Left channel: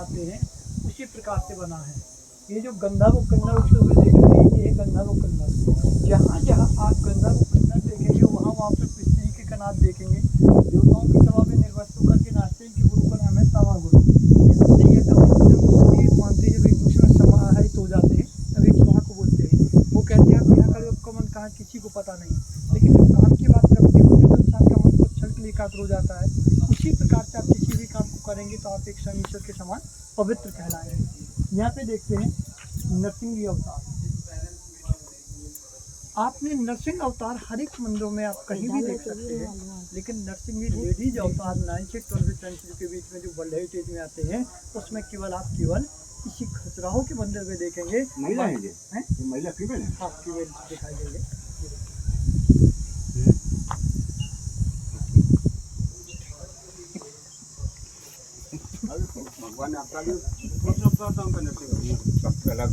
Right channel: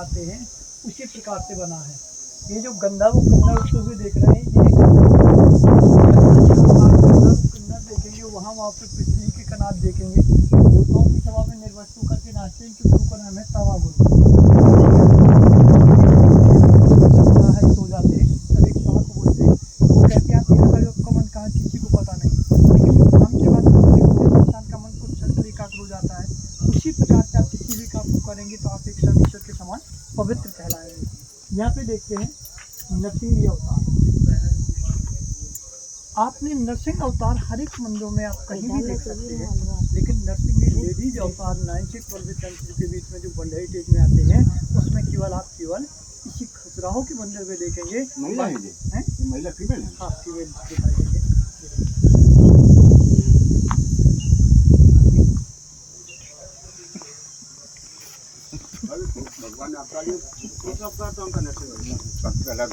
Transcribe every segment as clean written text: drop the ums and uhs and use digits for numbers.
बनाते हैं उसी प्रकार से बना है। ये जो गंधा वो कन्नड़ उठते हुए देख रहे हैं, ये जैसे हम आप गंधा वो कन्नड़ देखेंगे वहाँ वहाँ पे पितली के कनात देखेंगे। देवताओं की सभा में निर्वस्तु करके नाचते हैं कि गुरु का नाम है तावा गुरु। है सो जाते हैं तब एक स्वाहा को बोलते हैं, वो कहते हैं आप यहाँ का आपका मन कहाँ किसी को पता नहीं, लेकिन जब काम की बात करते होते हैं इंसान का मन को छल एकाग्र हो जाता है। उसी प्रकार से आप किसी भी काम को करेंगे तो आप एक परमेश्वर के समान पवित्र कहलाएंगे। यहाँ पे देखते हैं नरसिंह अवतार। आपने नरसिंह अवतार हर एक मंदिरों में आप कहीं भी देख सकते हैं, लेकिन नरसिंह लेडीज अवतार 9th से 12th सेंचुरी के बीच में जो वर्ल्ड हेरिटेज में आते हैं उसमें केवल इसी खजुराहो के मंदिर में देखेंगे। महिला है ये? महिला फीमेल है? हाँ फीमेल दिखाई देंगे। भगवान आपका भी अलग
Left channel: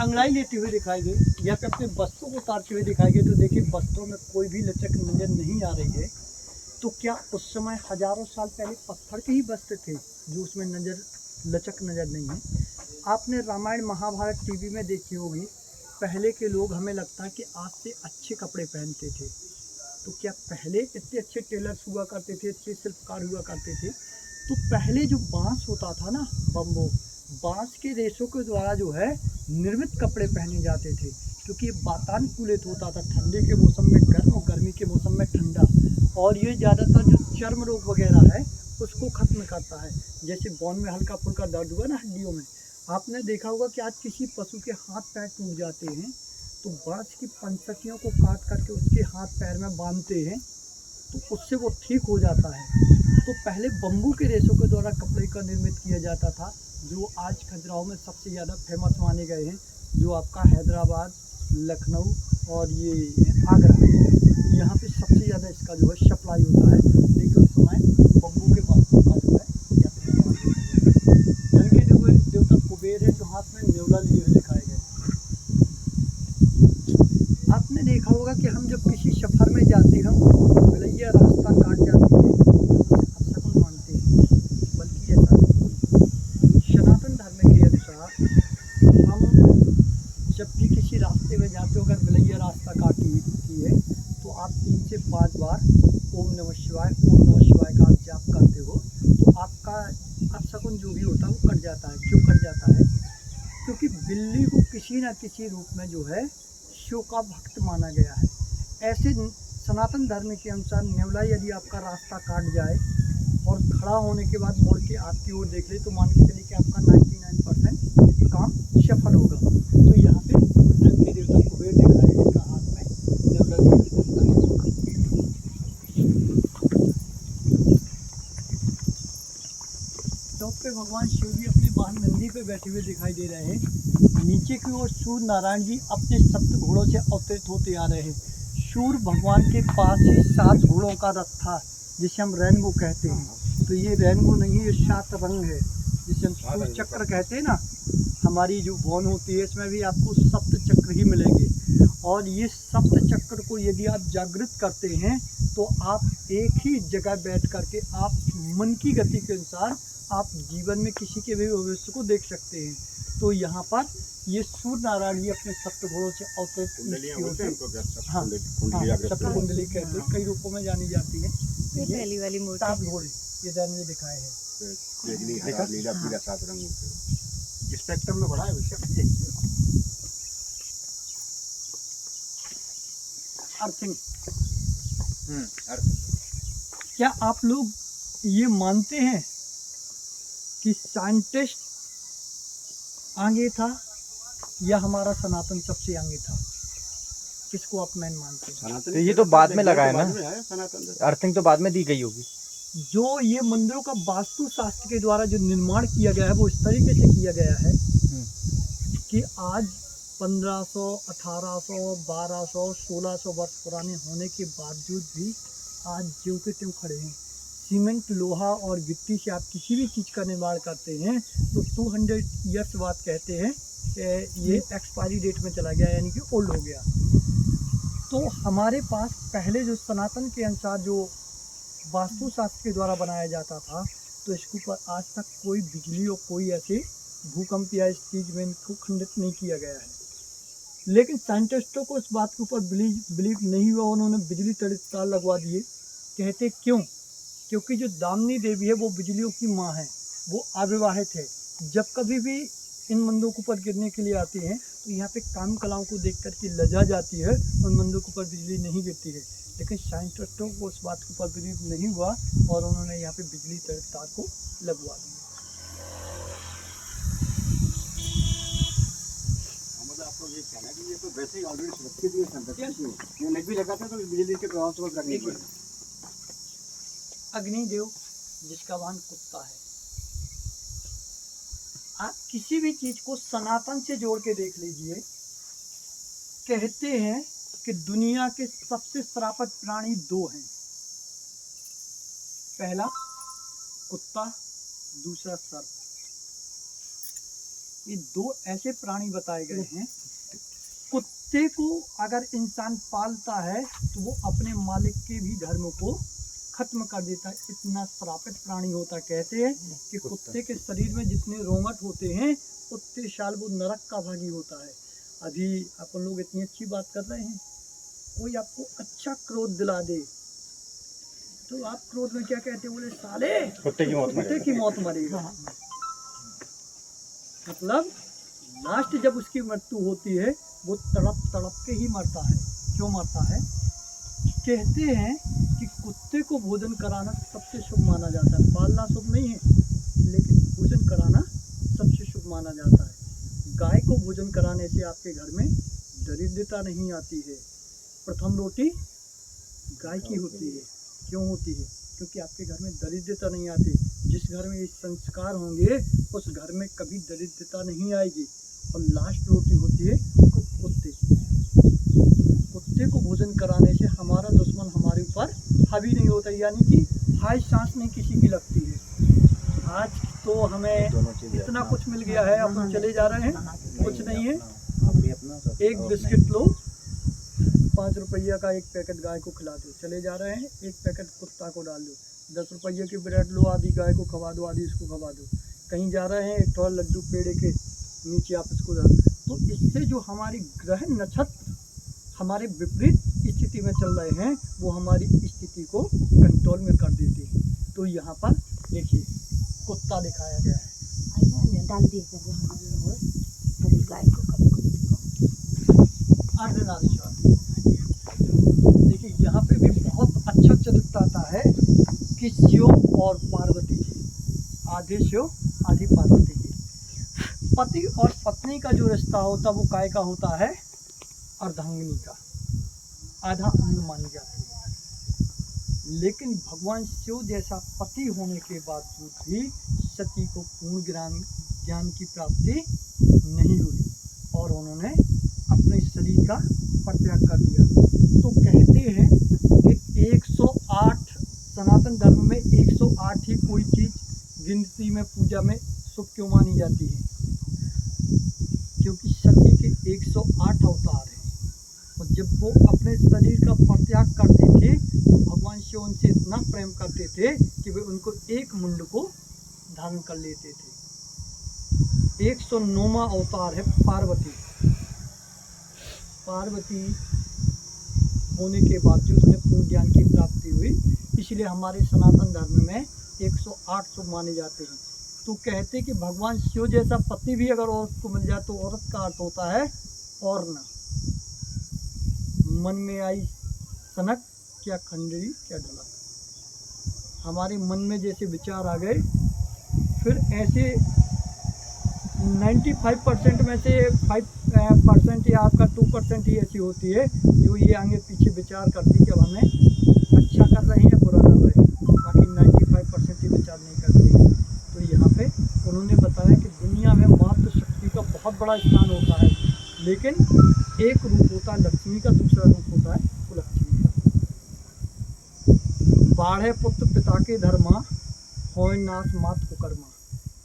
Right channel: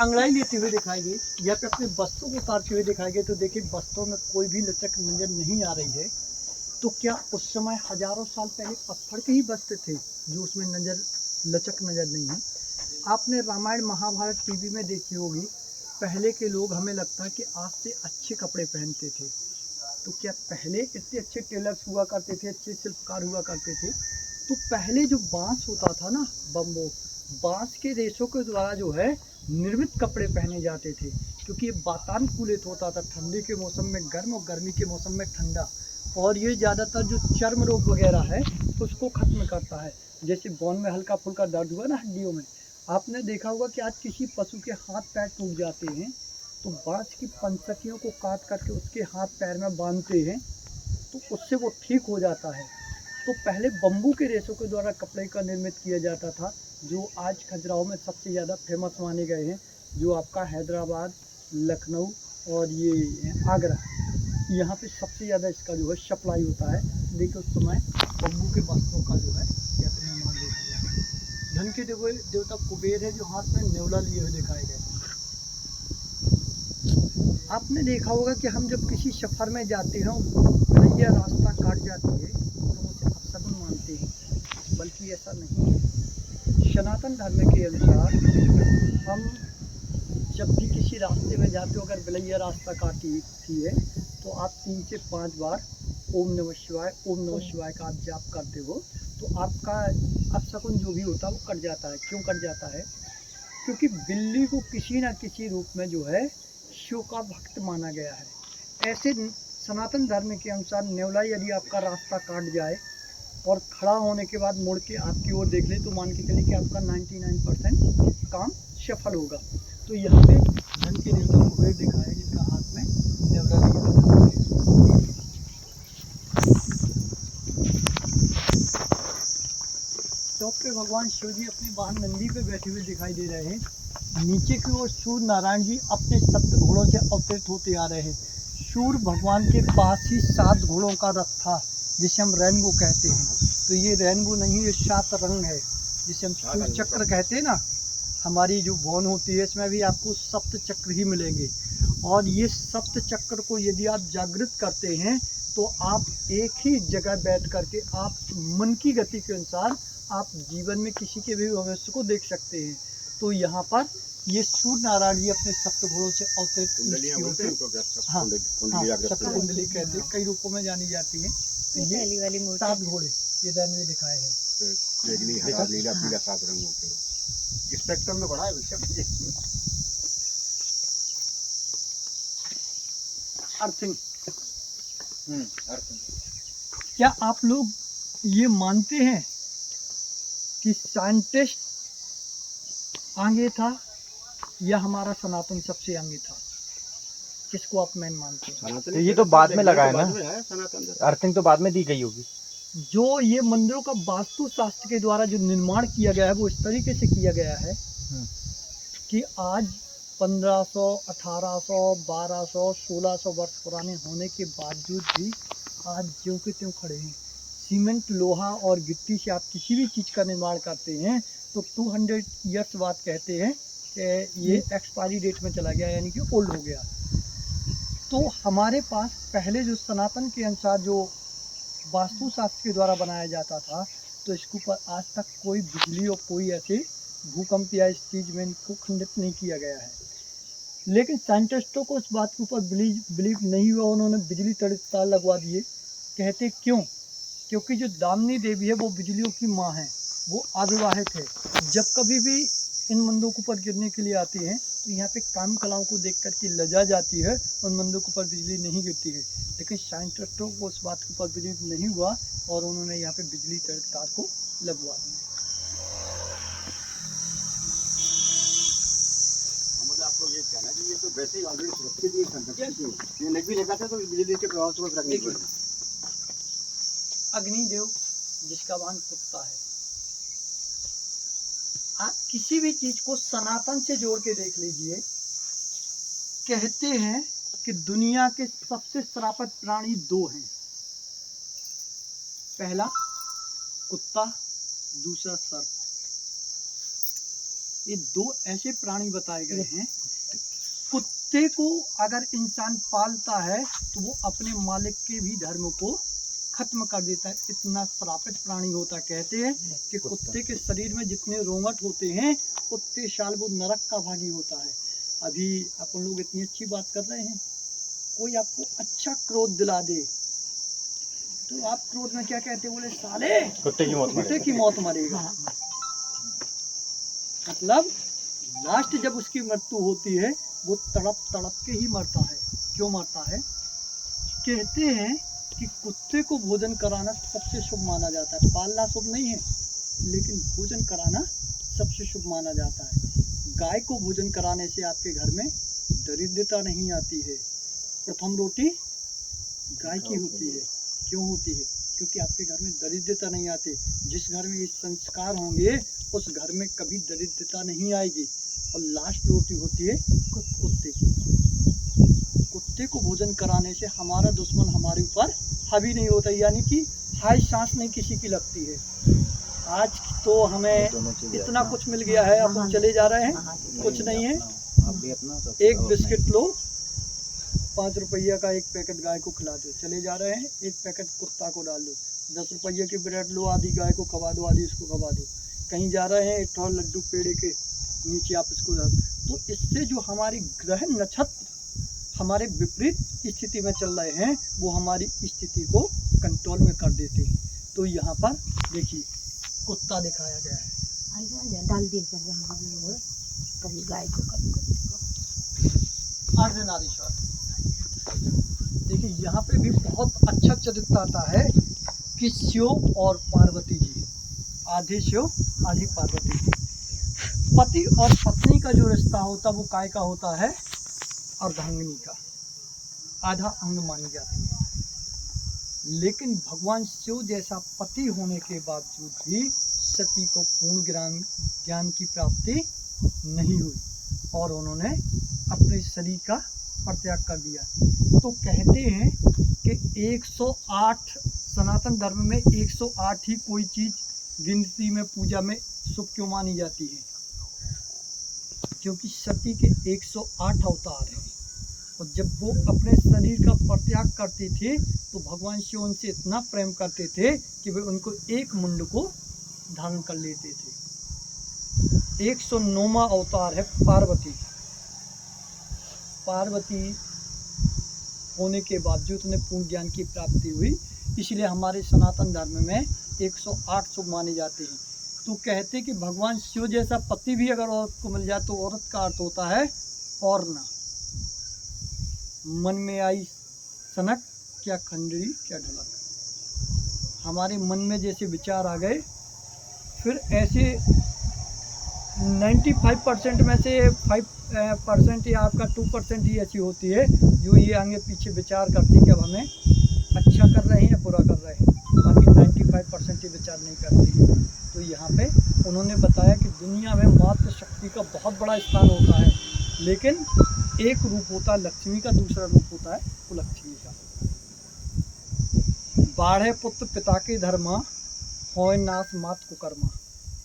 अंगड़ाई लेते हुए दिखाई गई या फिर अपने वस्त्रों को उतारते हुए दिखाई गई। तो देखिए वस्त्रों में कोई भी लचक नजर नहीं आ रही है। तो क्या उस समय हजारों साल पहले पत्थर के ही वस्त्र थे जो उसमें लचक नजर नहीं है। आपने रामायण महाभारत टीवी में देखी होगी, पहले के लोग हमें लगता है कि आज से अच्छे कपड़े पहनते थे। तो क्या पहले इतने अच्छे टेलर्स हुआ करते थे, अच्छे शिल्पकार हुआ करते थे? तो पहले जो बांस होता था ना, बम्बो, बांस के रेशों के द्वारा जो है निर्मित कपड़े पहने जाते थे, क्योंकि ये वातानुकूलित होता था। ठंडे के मौसम में गर्म और गर्मी के मौसम में ठंडा, और ये ज़्यादातर जो चर्म रोग वगैरह है उसको ख़त्म करता है। जैसे बोन में हल्का फुल्का दर्द हुआ ना हड्डियों में, आपने देखा होगा कि आज किसी पशु के हाथ पैर टूट जाते हैं तो बाँस की पंचसखियों को काट करके उसके हाथ पैर में बांधते हैं तो उससे वो ठीक हो जाता है। तो पहले बम्बू के रेशों के द्वारा कपड़े का निर्मित किया जाता था, जो आज खजुराहो में सबसे ज़्यादा फेमस माने गए हैं, जो आपका हैदराबाद, लखनऊ और ये आगरा है। यहाँ पे सबसे ज़्यादा इसका जो है सप्लाई होता है। लेकिन उस समय बम्बू के वस्त्रों का जो है या फिर धन के देवता कुबेर है जो हाथ में नेवला लिए हुए दिखाए गए। आपने देखा होगा कि हम जब किसी सफ़र में जाते हैं भैया रास्ता काट जाती है अपशकुन मानते हैं, बल्कि ऐसा नहीं। सनातन धर्म के अनुसार हम जब भी किसी रास्ते में जाते हो, अगर भैया रास्ता काटती है तो आप 3 से 5 बार ओम नमः शिवाय का आप जाप करते हो तो आपका अपशकुन जो भी होता है वो कट जाता है। क्यों कट जाता है? क्योंकि बिल्ली को किसी न किसी रूप में जो है शिव का भक्त माना गया है। ऐसे सनातन धर्म के अनुसार नेवला यदि आपका रास्ता काट जाए और खड़ा होने के बाद मुड़ के आपकी ओर देख ले तो मान के चलिए कि आपका 99% काम सफल होगा। तो यहाँ पे धन के देवता कुबेर दिखाए जिनका हाथ में नेवला लिया। डॉक्टर भगवान शिव जी अपनी वाहन नंदी पे बैठे हुए दिखाई दे रहे हैं। नीचे की ओर सूर्य नारायण जी अपने 7 घोड़ों से अवतरित होते आ रहे हैं। सूर्य भगवान के पास ही 7 घोड़ों का रथ था जिसे हम रेनबो कहते हैं। तो ये रेनबो नहीं, ये 7 रंग है जिसे हम सूर्य चक्र कहते हैं ना। हमारी जो भवन होती है इसमें भी आपको 7 चक्र ही मिलेंगे, और ये 7 चक्र को यदि आप जागृत करते हैं तो आप एक ही जगह बैठ करके आप मन की गति के अनुसार आप जीवन में किसी के भी भविष्य को देख सकते हैं। तो यहाँ पर ये सूर्य नारायण जी अपने 7 घोड़ों से अवतरित हाँ सप्त कुंडली कहते हैं, कई रूपों में जानी जाती है। तो ये 7 घोड़े ये दैन में दिखाए हैं। नीला पीला 7 रंगों के स्पेक्ट्रम में बढ़ा है अर्थिंग। क्या आप लोग ये मानते हैं कि साइंटिस्ट आगे था या हमारा सनातन सबसे आगे था? किसको आप मैन मानते हैं? तो ये तो बाद में लगा है ना, अर्थिंग तो बाद में दी गई होगी। जो ये मंदिरों का वास्तु शास्त्र के द्वारा जो निर्माण किया गया है वो इस तरीके से किया गया है कि आज 1500, 1800, 1200, 1600 वर्ष पुराने होने के बावजूद भी आज ज्यों के त्यों खड़े हैं। सीमेंट, लोहा और गिट्टी से आप किसी भी चीज़ का निर्माण करते हैं तो 200 ईयर्स बाद कहते हैं कि ये एक्सपायरी डेट में चला गया, यानी कि ओल्ड हो गया। तो हमारे पास पहले जो सनातन के अनुसार जो वास्तुशास्त्र के द्वारा बनाया जाता था तो इसके ऊपर आज तक कोई बिजली और कोई ऐसे भूकंप या इस चीज़ में इनको खंडित नहीं किया गया है। लेकिन साइंटिस्टों को इस बात के ऊपर बिलीव नहीं हुआ, उन्होंने बिजली तार लगवा दिए। कहते क्यों? क्योंकि जो दामिनी देवी है वो बिजलियों की माँ है, वो अविवाहित है। जब कभी भी इन मंदिरों के ऊपर गिरने के लिए आती हैं तो यहाँ पे काम कलाओं को देख कर के लजा जाती है, उन मंदिरों के ऊपर बिजली नहीं गिरती है। लेकिन साइंटिस्टों को उस बात के ऊपर बिलीव नहीं हुआ और उन्होंने यहाँ पे बिजली तार को लगवा दिया। मतलब आपको ये कहना कि ये तो वैसे ही ऑलरेडी सुरक्षित ही संरक्षित है, ये नहीं भी लगाता तो बिजली के प्रभाव से बच रखने पड़ेगा। अग्निदेव जिसका वाहन कुत्ता है। आप किसी भी चीज को सनातन से जोड़ के देख लीजिए। कहते हैं कि दुनिया के सबसे श्रापित प्राणी दो हैं, पहला कुत्ता, दूसरा सर्प। ये दो ऐसे प्राणी बताए गए हैं। कुत्ते को अगर इंसान पालता है तो वो अपने मालिक के भी धर्म को खत्म कर देता है, इतना श्रापित प्राणी होता है। कहते हैं कि कुत्ते के शरीर में जितने रोंगट होते हैं उतने साल वो नरक का भागी होता है। अभी अपन लोग इतनी अच्छी बात कर रहे हैं, कोई आपको अच्छा क्रोध दिला दे तो आप क्रोध में क्या कहते हैं? बोले साले कुत्ते की मौत मरेगा। मतलब लास्ट जब उसकी मृत्यु होती है वो तड़प तड़प के ही मरता है। क्यों मरता है? कहते हैं कि कुत्ते को भोजन कराना सबसे शुभ माना जाता है। पालना शुभ नहीं है, लेकिन भोजन कराना सबसे शुभ माना जाता है। गाय को भोजन कराने से आपके घर में दरिद्रता नहीं आती है। प्रथम रोटी गाय की होती है। क्यों होती है? क्योंकि आपके घर में दरिद्रता नहीं आती। जिस घर में ये संस्कार होंगे उस घर में कभी दरिद्रता नहीं आएगी। और लास्ट रोटी होती है कुत्ते की। कुत्ते को भोजन कराने से हमारा दुश्मन हमारे ऊपर हावी नहीं होता, यानी कि हाय सांस नहीं किसी की लगती है। आज तो हमें इतना कुछ मिल गया है, अपन चले जा रहे हैं, कुछ नहीं है। एक बिस्किट लो, 5 रुपया का एक पैकेट गाय को खिला दो, चले जा रहे हैं। एक पैकेट कुत्ता को डाल दो, 10 रुपये की ब्रेड लो, आधी गाय को खवा दो, आधी इसको खवा दो। कहीं जा रहे हैं, एक थोड़ा लड्डू पेड़े के नीचे आप इसको डाल। तो इससे जो हमारी ग्रह नक्षत्र हमारे विपरीत स्थिति में चल रहे हैं वो हमारी स्थिति को कंट्रोल में कर देते हैं। तो यहाँ पर देखिए कुत्ता दिखाया गया है, डाल दिए कभी गाय को कभी कुत्ते को। अर्धनारीश्वर। देखिए यहाँ पे भी बहुत अच्छा चरित्र आता है कि शिव और पार्वती जी, आधे शिव आधी पार्वती जी। पति और पत्नी का जो रिश्ता होता वो काय का होता है? अर्धांगिनी का, आधा अंग मानी जाती है। लेकिन भगवान शिव जैसा पति होने के बावजूद भी सती को पूर्ण ज्ञान की प्राप्ति नहीं हुई और उन्होंने अपने शरीर का परित्याग कर दिया। तो कहते हैं कि 108 सनातन धर्म में 108 ही कोई चीज़ गिनती में पूजा में शुभ क्यों मानी जाती है? क्योंकि सती के 108 अवतार हैं और जब वो अपने शरीर का परित्याग करते थे तो भगवान शिव उनसे इतना प्रेम करते थे कि वे उनको एक मुंड को धारण कर लेते थे। 109वां अवतार है पार्वती। पार्वती होने के बावजूद उन्हें पूर्ण ज्ञान की प्राप्ति हुई, इसलिए हमारे सनातन धर्म में 108 शुभ माने जाते हैं। तो कहते कि भगवान शिव जैसा पति भी अगर औरत को मिल जाए तो औरत का अर्थ होता है और ना। मन में आई सनक, क्या खंडरी क्या ढलक। हमारे मन में जैसे विचार आ गए, फिर ऐसे 95% में से 5% या आपका 2% ही ऐसी होती है जो ये आगे पीछे विचार करती है कि अब हमें अच्छा कर रहे हैं बुरा कर रहे हैं, बाकी 95% ही विचार नहीं करती है। तो यहाँ पे उन्होंने बताया कि दुनिया में मातृशक्ति का बहुत बड़ा स्थान होता है, लेकिन एक रूप होता है लक्ष्मी का, दूसरा रूप होता है कुलक्ष्मी का। बाढ़े पुत्र पिता के धर्मा, होय नाश मात कुकर्मा।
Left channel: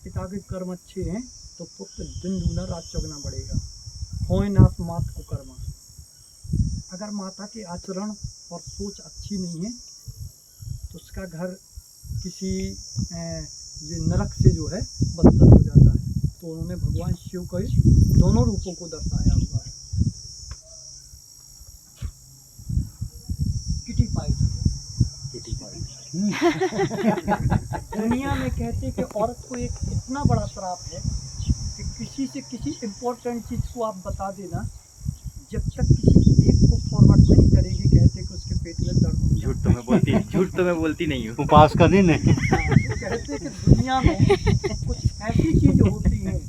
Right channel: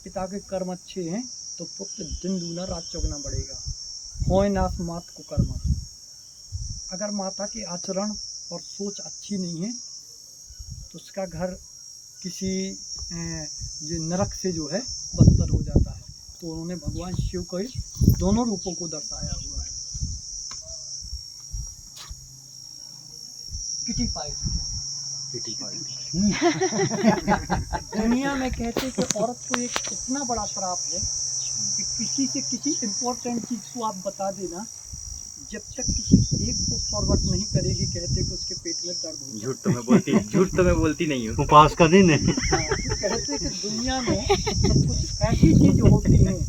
पिता के कर्म अच्छे हैं तो पुत्र दिन दूना रात चौगुना बढ़ेगा। होय नाश मात कुकर्मा। अगर माता के आचरण और सोच अच्छी नहीं है तो उसका घर किसी ये नरक से जो है बदतर हो जाता है। तो उन्होंने भगवान शिव के दोनों रूपों को दर्शाया हुआ है। किटी पाई दुनिया में कहते कि औरत को एक इतना बड़ा श्राप है कि किसी से किसी इम्पोर्टेंट चीज़ को आप बता देना, जब तक किसी एक को फॉरवर्ड नहीं करेगी, कहते कि उसके पेट में दर्द हो। झूठ तो मैं बोलती नहीं हूँ। उपास करनी नहीं। तो कहते कि दुनिया में कुछ ऐसी चीज होती हैं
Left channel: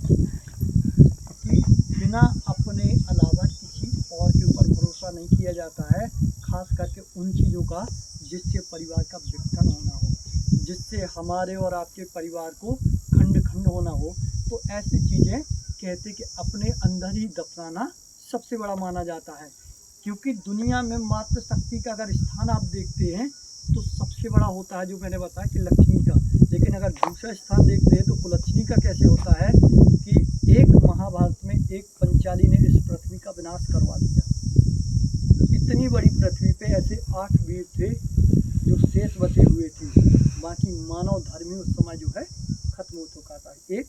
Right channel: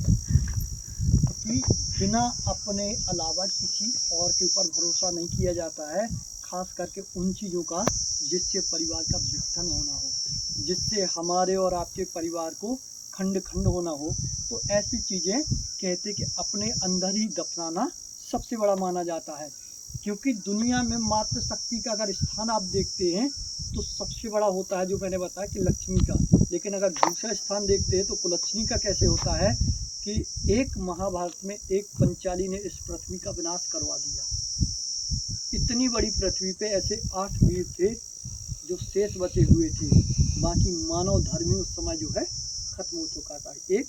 कि बिना अपने अलावा किसी और के ऊपर भरोसा नहीं किया जाता है, खास करके उन चीज़ों का जिससे परिवार का विघटन होना हो, जिससे हमारे और आपके परिवार को खंड खंड होना हो। तो ऐसी चीज़ें कहते कि अपने अंदर ही दफनाना सबसे बड़ा माना जाता है। क्योंकि दुनिया में मातृ शक्ति का अगर स्थान आप देखते हैं तो सबसे बड़ा होता है, जो मैंने बताया कि लक्ष्मी का। लेकिन अगर दूसरा स्थान देखते हैं तो कुलक्ष्मी का कैसे होता है कि एक महाभारत में एक पंचाली ने इस पृथ्वी का विनाश करवा दिया। इतनी बड़ी पृथ्वी पे ऐसे 8 वीर थे जो शेष बचे हुए थे, बाकी मानव धर्मी उस समय जो है खत्म हो चुका था। एक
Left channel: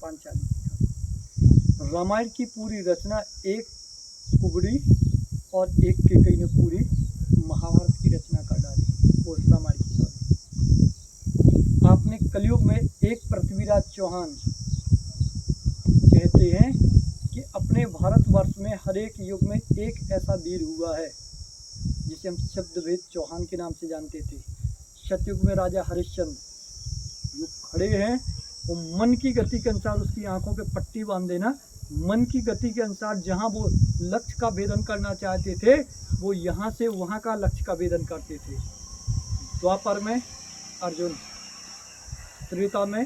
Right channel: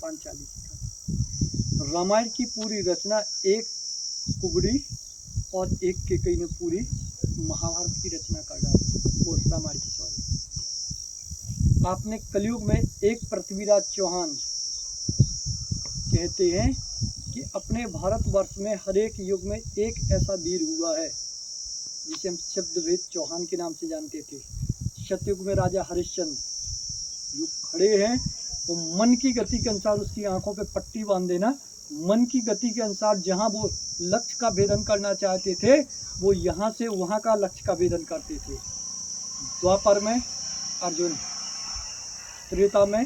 पांचाली का रामायण की पूरी रचना एक कुबड़ी और एक केकई ने पूरी महाभारत की रचना कर डाली, वो रामायण की। सॉरी, आपने कलयुग में एक पृथ्वीराज चौहान कहते हैं कि अपने भारतवर्ष में हर एक युग में एक ऐसा वीर हुआ है जिसे हम शब्दवेद चौहान के नाम से जानते थे। सतयुग में राजा हरिश्चंद्र जो खड़े हैं, वो मन की गति के अनुसार उसकी आंखों पे पट्टी बांध देना, मन की गति के अनुसार जहां वो लक्ष्य का भेदन करना चाहते थे वो यहाँ से वहाँ का लक्ष्य का भेदन करते थे। द्वापर में अर्जुन, त्रेता में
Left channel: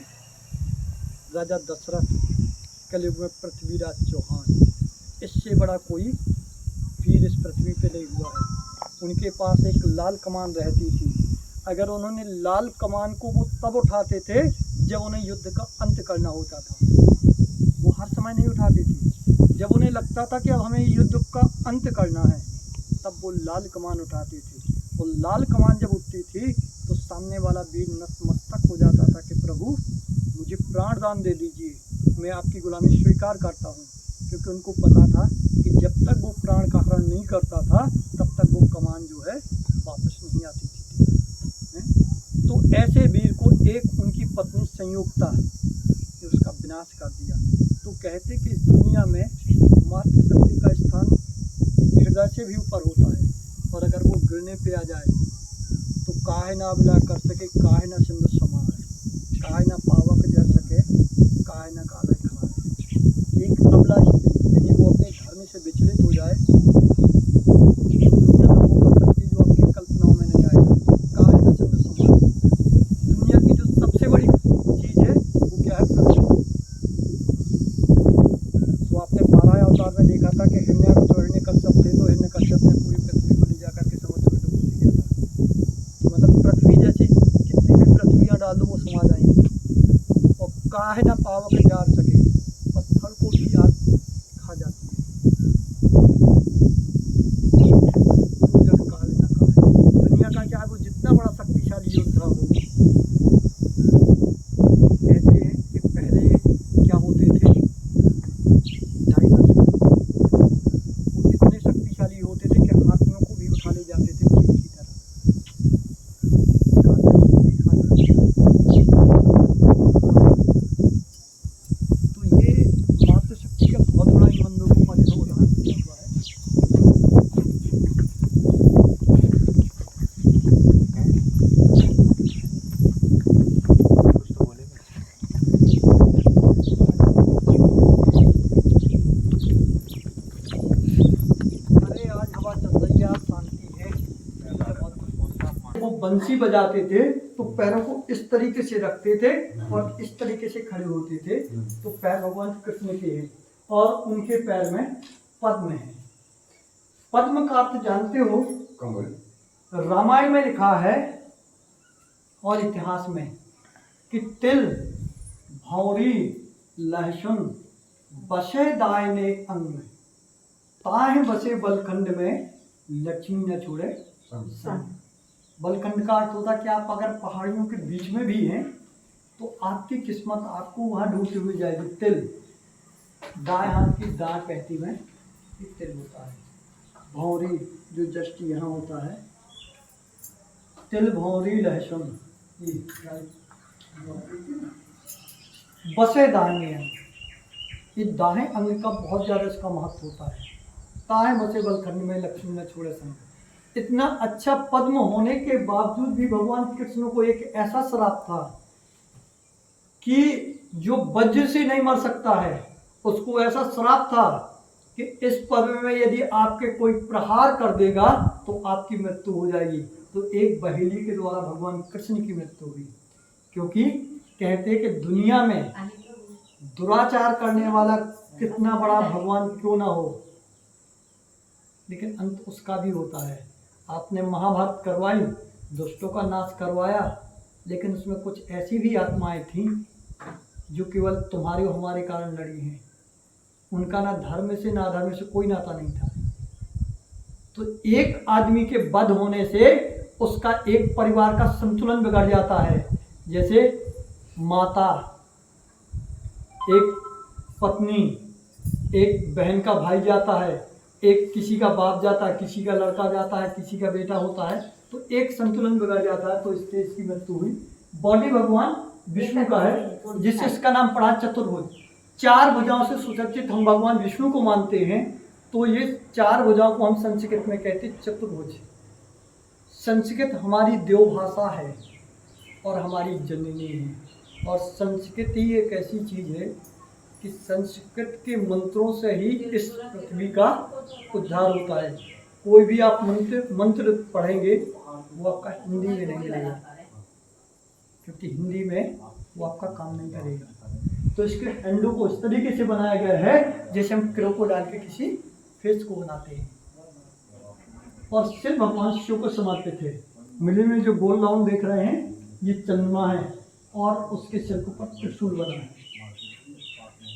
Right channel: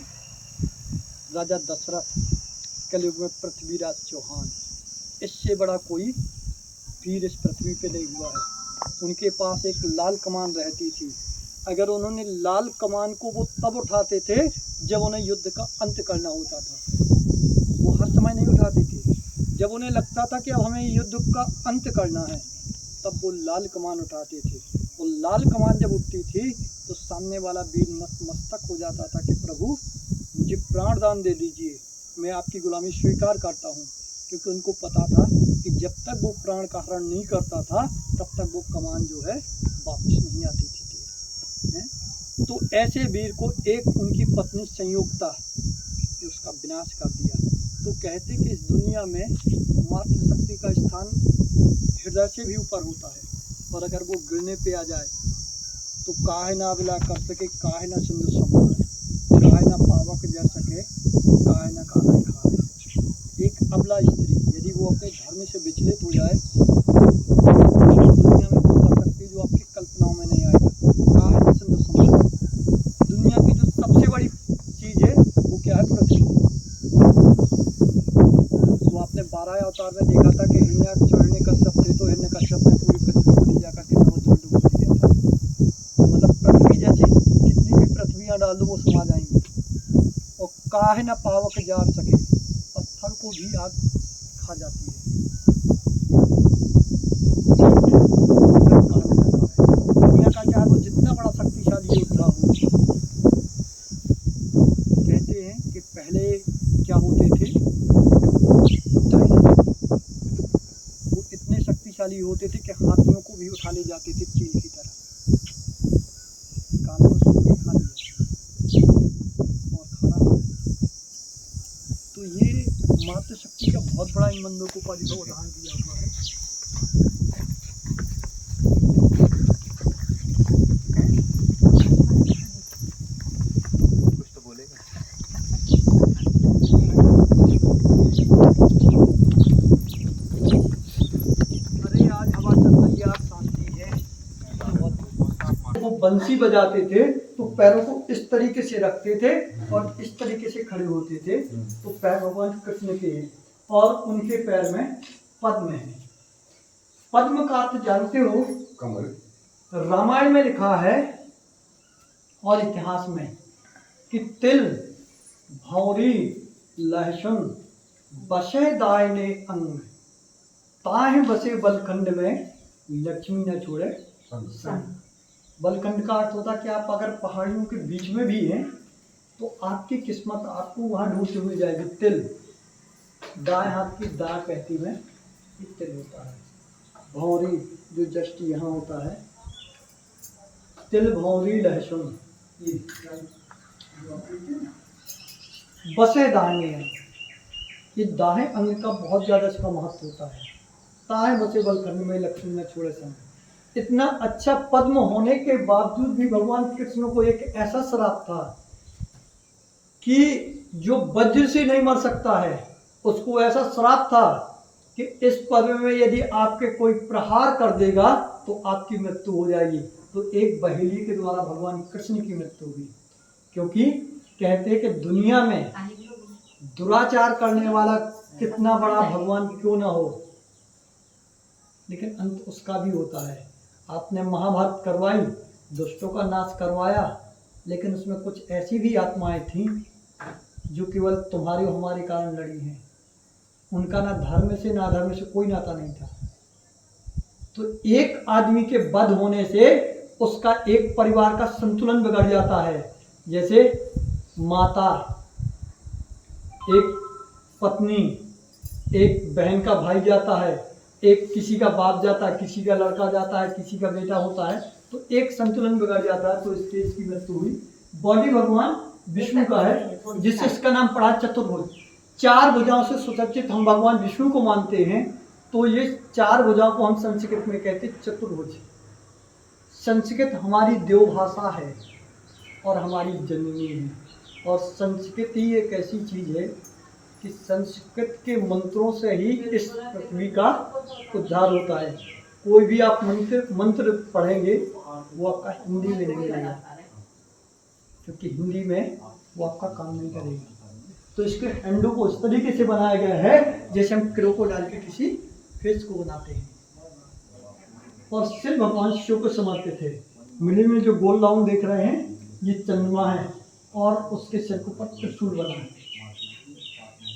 राजा दशरथ, कलयुग में पृथ्वीराज चौहान। इससे बड़ा कोई वीर इस पृथ्वी पे नहीं हुआ है। उनके पास एक लाल कमान रहती थी। अगर उन्होंने लाल कमान को वो तब उठाते थे जब उन्हें युद्ध का अंत करना होता था। वो हर समय नहीं उठाते थे। जब उन्हें लगता था कि अब हमें युद्ध का अंत करना है, तब वो लाल कमान उठाते थे। वो लाल कमान जब उठती थी तो सामने वाला वीर नतमस्तक हो जाता था कि प्रभु मुझे प्राण दान दे दीजिए, मैं आपकी गुलामी स्वीकार करता हूँ। क्योंकि उनको पता था कि जब तक वो प्राण का हरण नहीं करता था तब तक वो कमान जो है वापस नहीं आती थी। तो ऐसे वीर को एक उनकी पत्नी संयुक्ता ने उसका विनाश कर दिया। तो कहते कि इस दुनिया में मातृशक्ति का स्थान हृदय से भी ऊपर होता है, और अगर वो गिरने पे आ जाए तो काहे ना अबला कर सके, काहे ना सिंधु समान, काहे ना पावक जर सके, काहे ना काला खाए। एक अबला स्त्री यदि वो अपने धर्म से विचलित हो जाए तो दुनिया में वो कर सकती है जो आपकी कल्पनाओं में नहीं आएगा। काहे ना सिंधु समान, दुनिया की जो सबसे बड़ी चीज़ है वो क्या है? पृथ्वी। तो आपने 12 अवतार में देखा था कि हिरण्यकश्यप थे तो हिरण्यकश्यप ने पूरी पृथ्वी को ले जाकर के समुद्र में डुबो दिया था। मतलब पृथ्वी जैसी कितनी भी पृथ्वियाँ डाल दो वो समा जाएंगी। और काहे न पावक जार सके, पत्थर को भी आग खा जाती है। दुनिया का चाहे वो जितना बड़ा शक्तिशाली योद्धा हो, कहते हैं कि पहले क्या होते थे, वो इतने शक्तिशाली होते थे कि हाथियों को भी उठा ले जाते थे चील की तरह। तो ये मातृशक्ति का बहुत बड़ा इन बंदों का जो उदाहरण दिया हुआ है। कुछ तो बोलेगा। अरे आज हवा चल रही है, आज शांति है। वो बंसी बजाते थे तो पैरों को इस तरीके से रखते थे और इस तरीके से खड़े होते थे। तो पैर भगवान कृष्ण के हैं और उनके पैर में पद्म है। पद्म का अर्थ जानते हो? कमल। रामायण में लिखा है और इतिहास में कि तिल, भौरी, लहसुन बसे दायने अंग, ताहे बसे बलखंड में, लक्ष्मी न छोड़े संग। बलखंड का अर्थ होता है कि आप अगर पहाड़ियों के बीच में भी हैं तो आपकी किस्मत आपको वहाँ ढूंढती हुई जाएगी। तिल, दाएं हाथ की दा कहती में ये तिल होता है। भौरी जो जस्ट यहाँ होता है, तिल भौरी लहसुन, ये बसे दाएं हैं। ये दाएं अंग का बहुत ज़्यादा इसका महत्व होता है। ताएं बसे बलखंड में लक्ष्मी में छोड़े संग। इतना अच्छा पद्म होने के बावजूद भी भगवान कृष्ण को एक ऐसा श्राप था कि जो वज्र से नहीं मर सकता है, उसको ऐसा श्राप था कि इस पद्म में यदि आपके कोई प्रहार कर देगा तो आपकी मृत्यु हो जाएगी। तो एक बहेली के द्वारा भगवान कृष्ण की मृत्यु हुई, क्योंकि कहते हैं कि दुनिया में दुराचार करने वाला कितना बड़ा भगवान क्यों ना हो, लेकिन अंत उसका भी होता है। आपने महाभारत करवाई, दुष्टों का नाश करवाया, लेकिन उसमें कुछ ऐसी भी आत्माएं थीं जो केवल तुम्हारे और हमारे कारण लड़ी हैं। उनका ना धर्म से ना अधर्म से कोई नाता नहीं था। तो एक आदमी के वध होने से उसका एक परिवार का संतुलन बिगड़ जाता है। जैसे माता, एक पत्नी, एक बहन का भाई जाता है, एक किसी का बाप जाता है, किसी का लड़का जाता है, किसी का बेटा होता है, तो एक संतुलन बिगड़ जाता है। तो इससे इसकी मृत्यु हुई। बॉडी भगवान विष्णु का है, जिससे इसका नाम पड़ा चतुर्भुज। 4 भुजाओं से सुसज्जित हम भगवान विष्णु को मानते हैं, तो ये 4 भुजाओं को हम संस्कृत में कहते हैं चतुर्भुज। संस्कृत हमारी देवभाषा है और हमारी जननी है। और संस्कृत ही एक ऐसी चीज़ है कि संस्कृत के मंत्रों से ही इस पृथ्वी का उद्धार होता है। कोई भी आप मंत्र पढ़ेंगे वो आपका हिंदी में नहीं लगेगा, क्योंकि हिंदी में वो आपका काम नहीं करेगा। तो इसके हैंडल को इस तरीके से बनाया गया है जैसे हम क्रो डाल के किसी फेस को बनाते हैं। और सिर्फ भगवान शिव को समर्पित है। मिडिल में जो गोल राउंड देख रहे हैं ये चंद्रमा है और उसके सिर के ऊपर त्रिशूल बना है।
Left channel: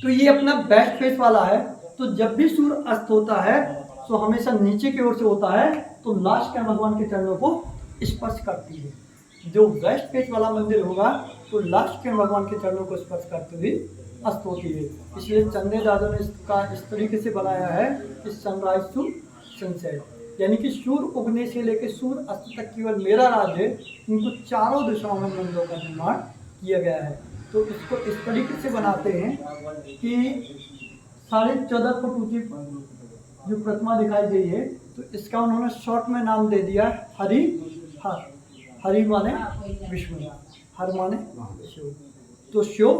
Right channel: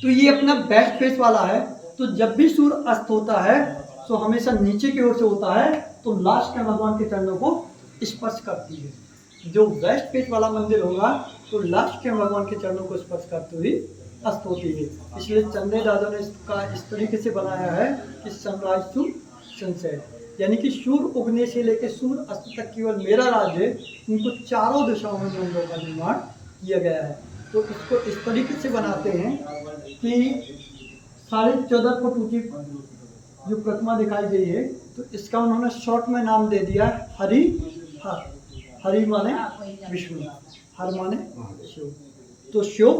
तो ये अपना बेस्ट फेस वाला है। तो जब भी सूर्य अस्त होता है तो हमेशा नीचे की ओर से होता है, तो लास्ट में भगवान के चरणों को स्पर्श करती है। जो वेस्ट फेस वाला मंदिर होगा तो लास्ट के भगवान के चरणों को स्पर्श करते हुए अस्त होती है। इसलिए चंद्र दादू ने इसका इस तरीके से बनाया है कि सनराइज टू सनसेट, यानी कि सूर्य उगने से लेकर सूर्य अस्त तक केवल मेरा राज है। इनको चारों दिशाओं में मंदिरों का निर्माण किया गया है। तो इसको इस तरीके से बनाते हैं कि 14.5 फुट ऊंची जो प्रतिमा दिखाई गई है, तो इसका उन्होंने शॉर्ट में नाम दे दिया हरि हर। हरि माने विष्णु, हर माने शिव। तो शिव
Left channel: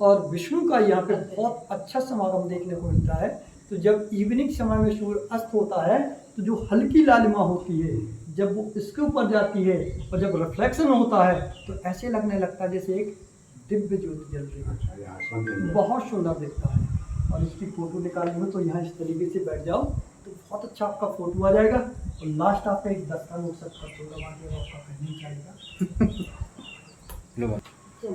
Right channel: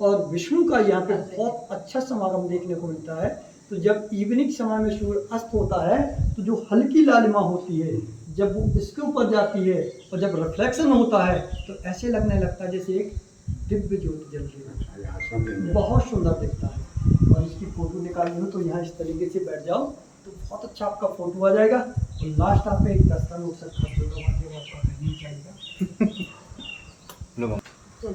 और विष्णु का यहाँ पे बहुत अच्छा समागम देखने को मिलता है। तो जब इवनिंग समय में सूर्य अस्त होता है तो जो हल्की लालिमा होती है, जब वो इसके ऊपर जाती है और जब रिफ्लेक्शन होता है तो ऐसे लगने लगता है जैसे एक दिव्य ज्योति जल रही है। बहुत सुंदर दिखता है। और इसकी फोटो निकाली हो तो यहाँ इस तरीके से बैठ जाओ तो बहुत अच्छा आपका फोटो आ जाएगा। और लास्ट आप एक दस्तान हो सकता है, आपका नहीं चाहिएगा। चल